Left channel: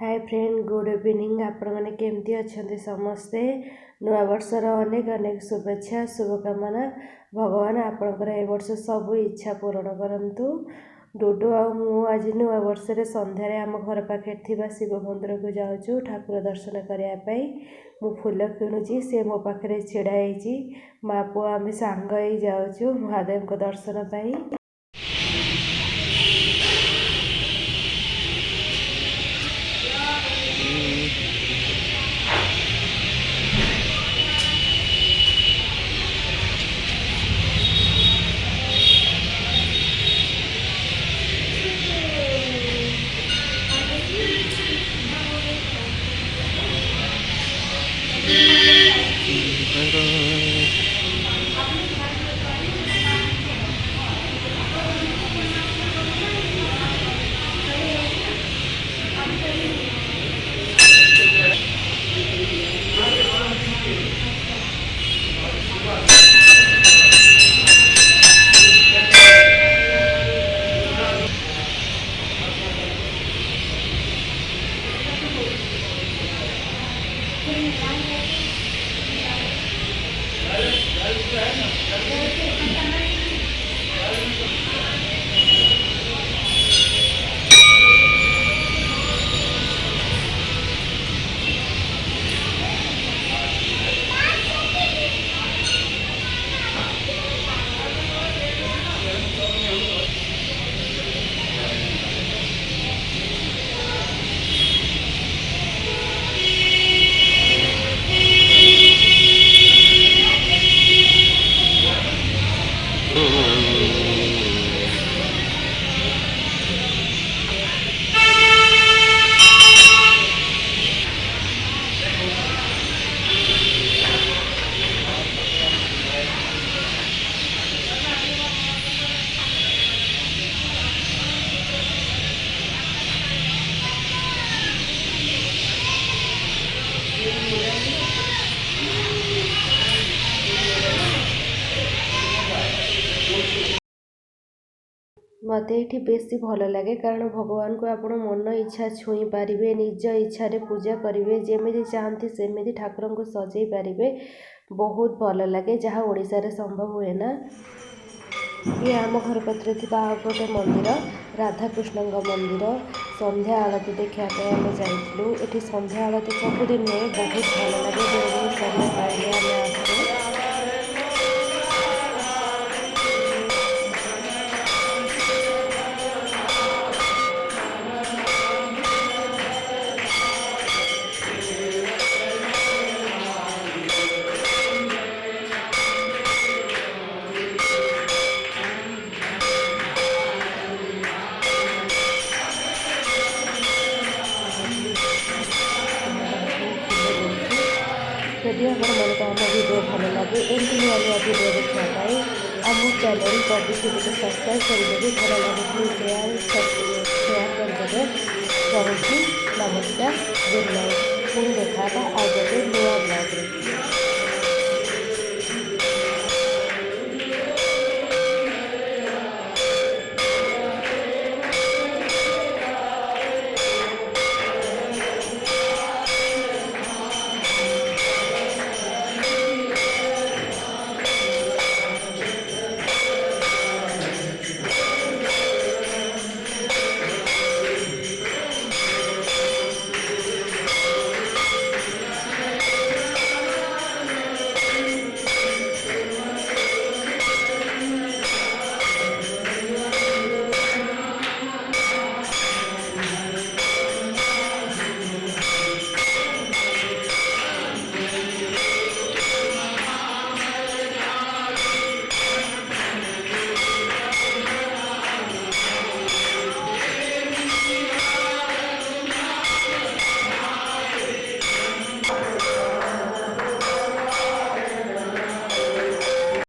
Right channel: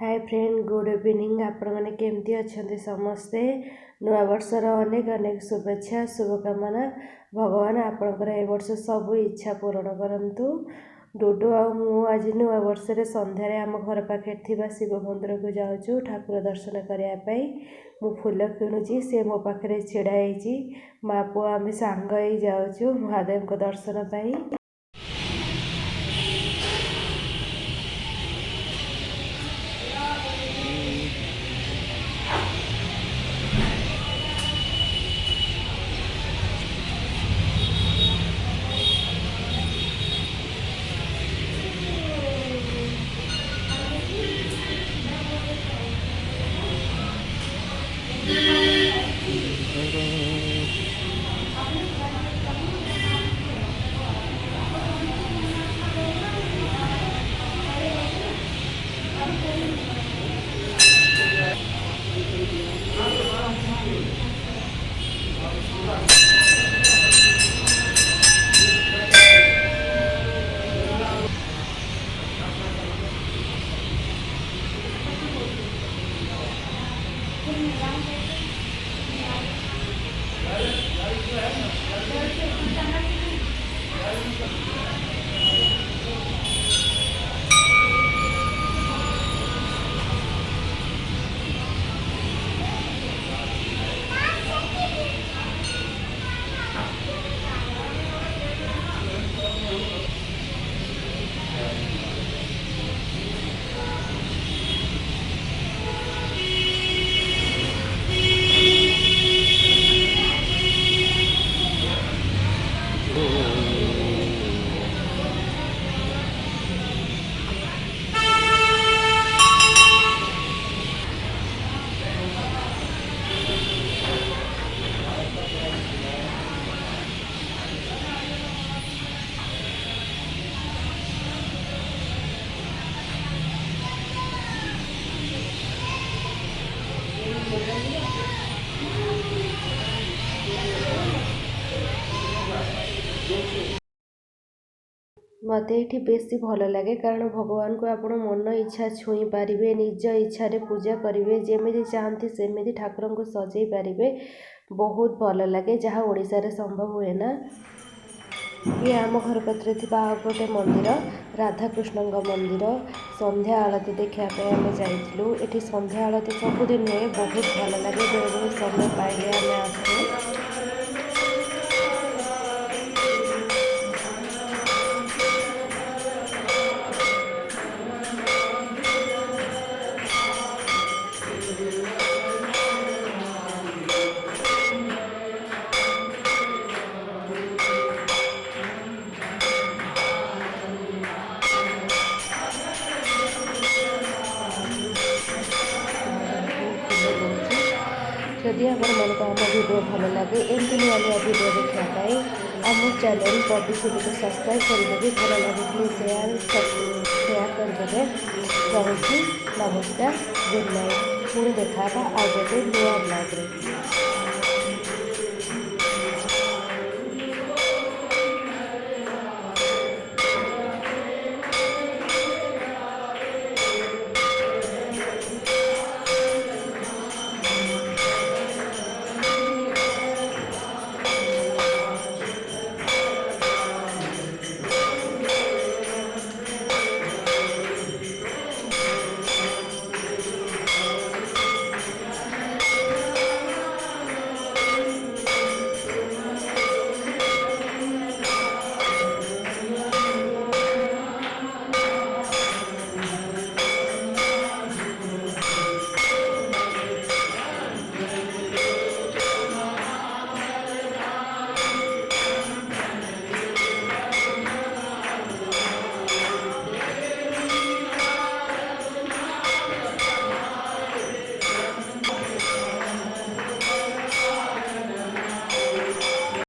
Hi friend good evening आपण मैंने केमती अच्छा समस्ते नूआ वर्षर अनेक अनेक शुभेच्छा शुभकामना भगवान आपणकर ए वर्ष सब इच्छा पूरण करंतु डुडू आज नूआ वर्ष संध्यारे आम घर पाखे शिव मंदिर को जाऊँ ठाकुर दर्शन करने मु फूल किणुची से मो पाखे छिड़ाई माँ पुआ आम सांग ही जाऊँ महादेव को दर्शन पाई। मत ये बेसी भल लगे कारण भगवान को आप मन इच्छा छुई पारे निज इच्छा पूजा करेंगे जमी चाहती सेमती ठाकुर को सजई पारे बहुत भल लगे जहाँ ओडिशा रे संभव हुए ना। ये आम घर पाखे गोटे मंदिर राधाकृष्ण मंदिर संध्या आलती देखापी आम जाइलु ये संध्या आलती सबुदिन हुए बहुत भल लगे जो समय पाइले आम आसू। जदि आपण मन को आम वीडियो भल लगे एमती नुआ नुआ वीडियो देखापी आम चैनल बबी टीवी को सब्सक्राइब करदे भल लगे प्लीज शेयर करदे रही। नमस्कार गुड नाइट पुणी देखा आ गोटे नुआ ब्लॉग रे।